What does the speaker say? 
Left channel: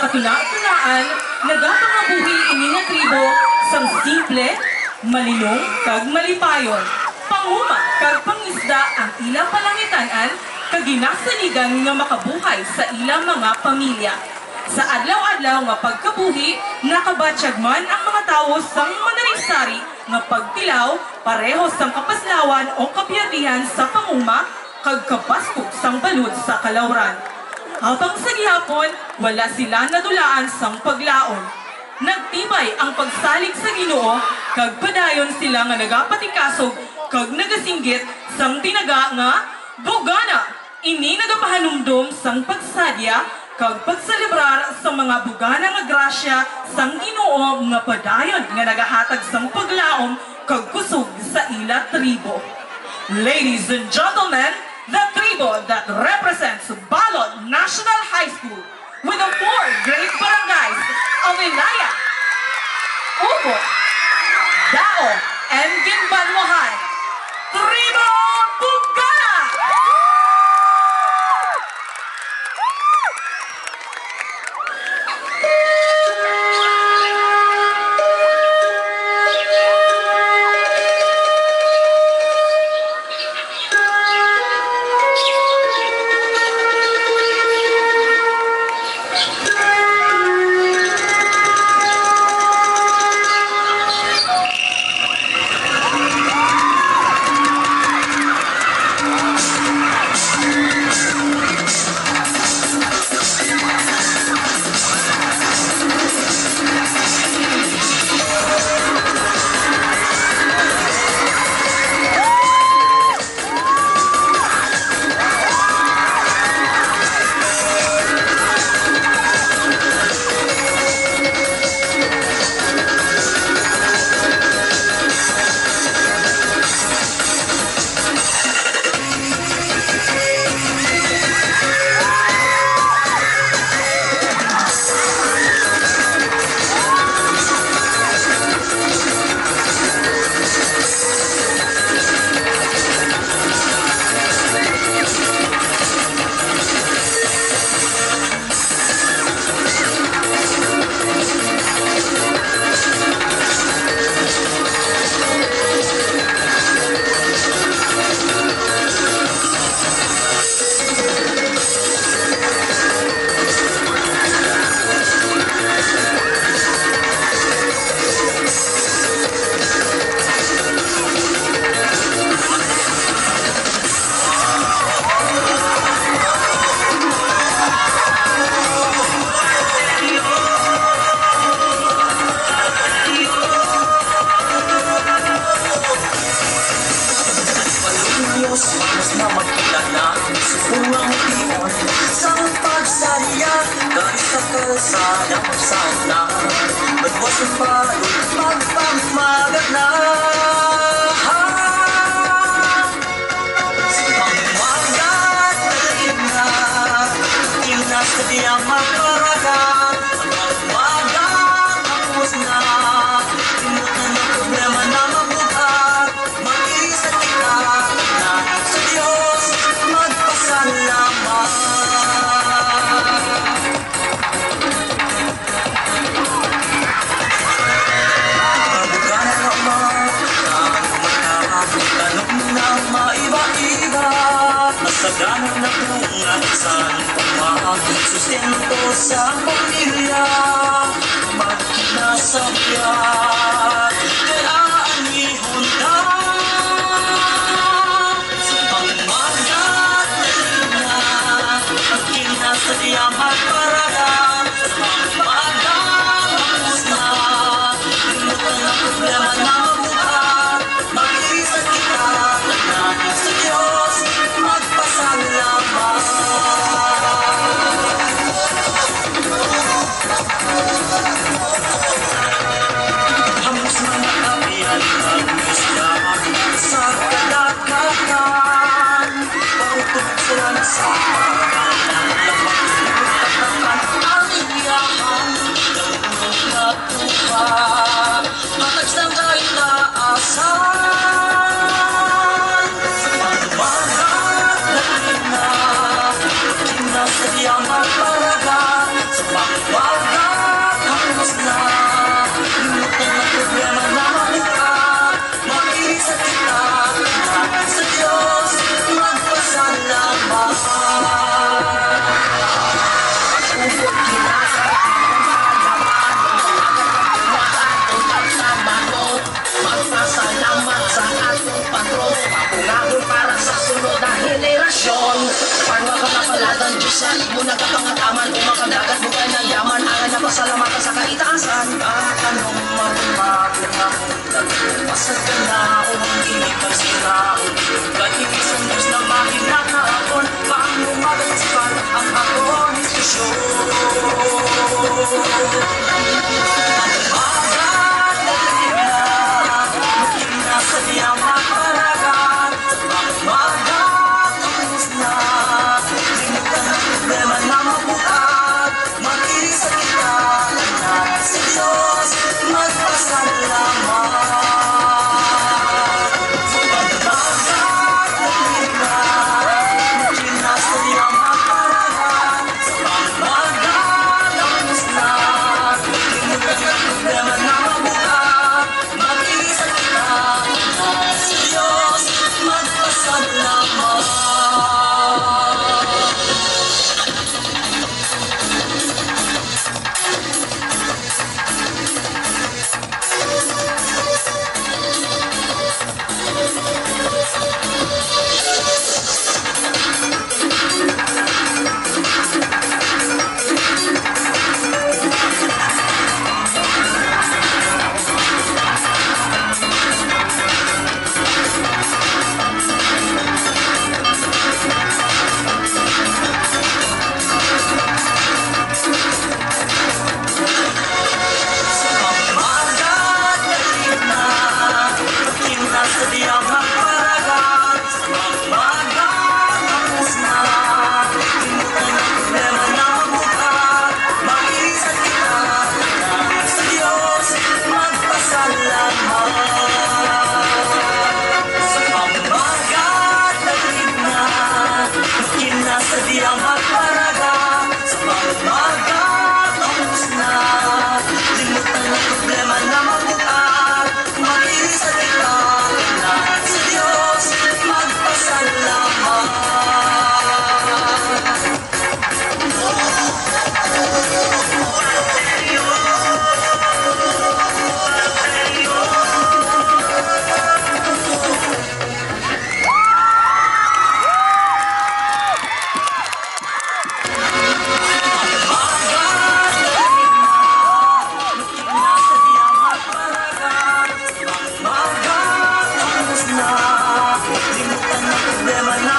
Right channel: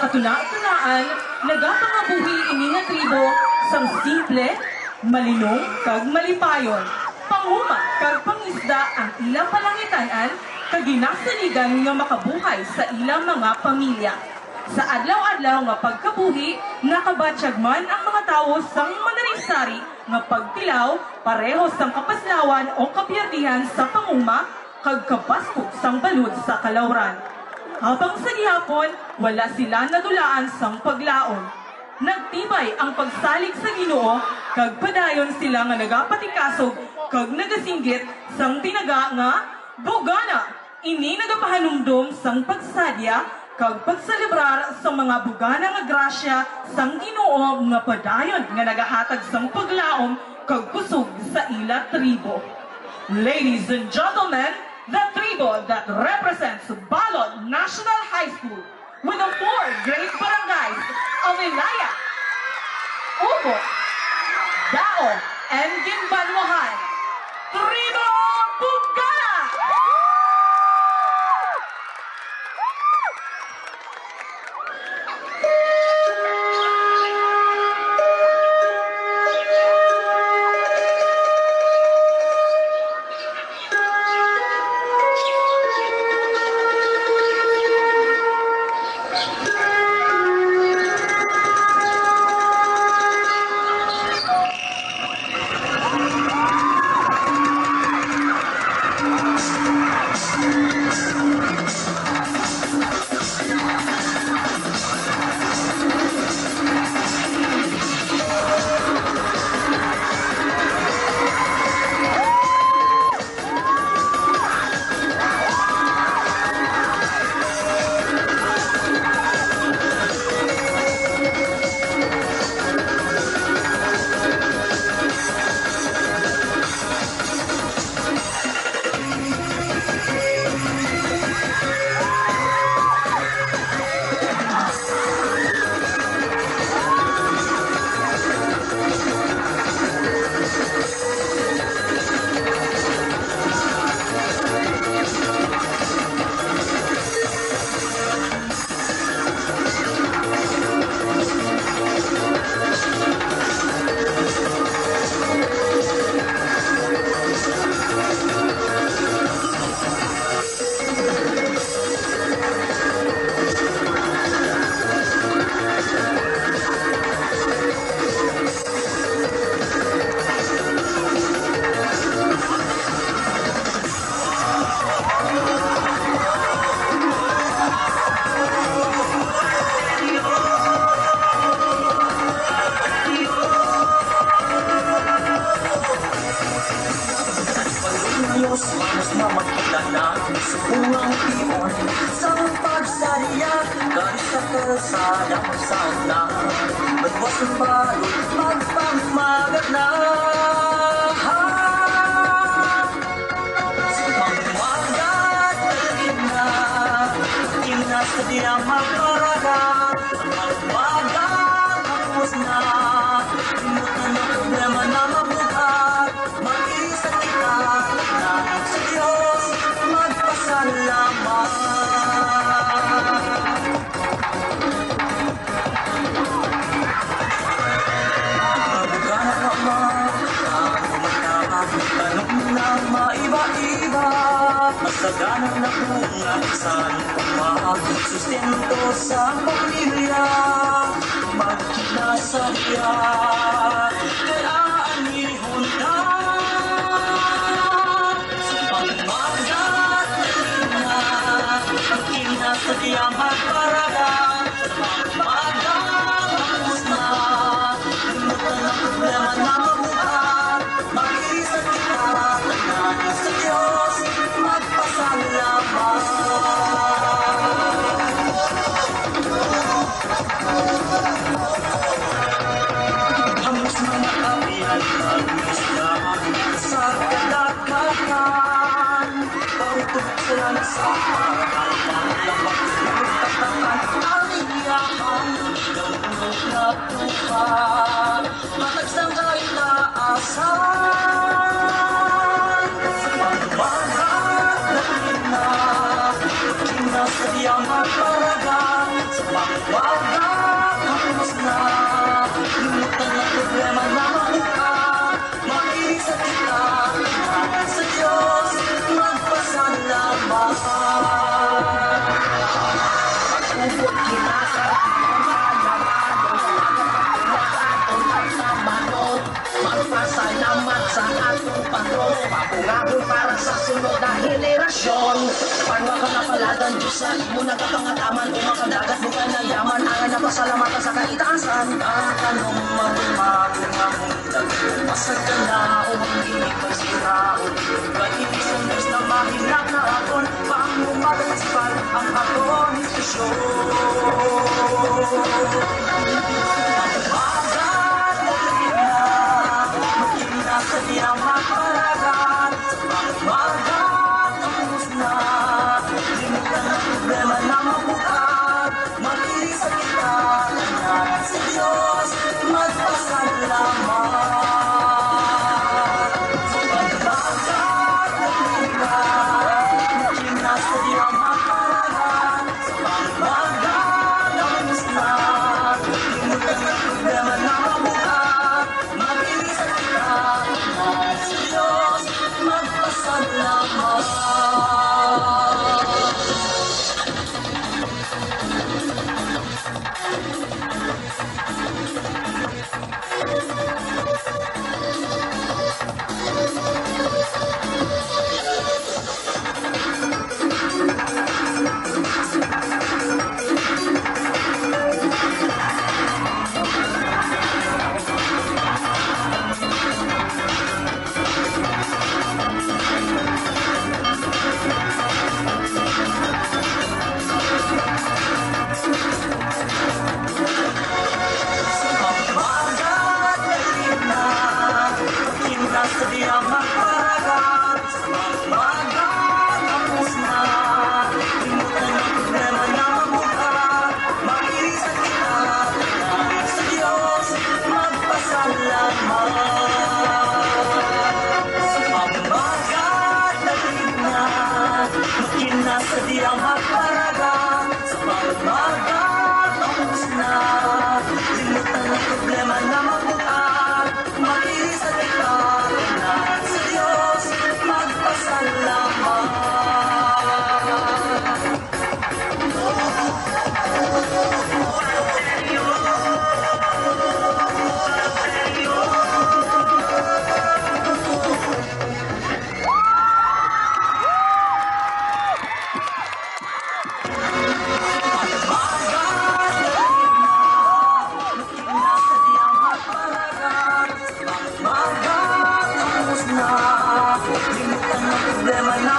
katunaan, nagapangabuhi ini nga tribo sang simple, malinong kag malipayon. Panguma kag pangisda ang ilang palangitan-an kag ginasaligan nga makabuhay sa ilang mga pamilya. Sa adlaw-adlaw nga pagkabuhi, nakabatsyag man ang mga tawo sang manarisari nga pagtilaw pareho sang kapaslawan o kapiyatihan sa panguma kag kapaskog sang balud sa kalawran. Habang sa gihapon, wala sila nadulaan sang paglaon. Nagtibay ang pagsalig sa Ginoo kag padayon sila nga nagapatikasog kag nagasinggit sang tinaga nga bugana. Ini nagapahanumdum sang pagsadya kag pagselebrar sa mga bugana nga grasya sang Ginoo nga padayon nga nagahatag sang paglaom kag kusog sa ila tribo. Ladies and gentlemen, the tribo that represents Balod National High School with the 4 great barangays of Ilaya, Ubot, Dao, and Ginbanmohan, Tribo Bugana! Ganang na bunga saan sustento sa pamilya magkinasabya kaya anihon na sa pangmagat na magkinasadya magparadan sa pangmagat hapos na limutan ang problema na mabuhat mag-iisang kita natin sa Diyos magpasalamat. Hamos mga kapihan ng isla sa kadagatan, pautok sila na sa pagkakan, lamang susunod na henerasyon. Parwa ka na paladan, Diyos sa imo nagkapangataman. Umakadagat mo ka ng yaman, angan na pasalamatan sa kaitaasan. Anong magbago na mundag, pasag ka na o ang gilig magsiraon. Pag-ibisang Diyos na mahinak na akon, paang umagasipan ang akon istasyon. Sa diyang maparagat, magmagat ang musna. Limutan ang problema na mabukat, mag-irig sa kita, anak sa Diyos, magpasalamat. Magmagat ang lina, magkina sa diyang maparagat, magmagat ang musna. Limutan ang problema na mabukat, mag-irig sa kita, sa Diyos, magpasalamat. Sa diyang magparagat, magmagat ang musna. Limutan ang problema na mabukat, mag-iisang kita, sa Diyos, magpasalamat. Sa magmagat na ligna, makina sa diyang magparagat, sa magmagat ang musna. Limutan ang problema na mabukat, mag-iisang kita, sa Diyos, magpasalamat. Limutan ang problema na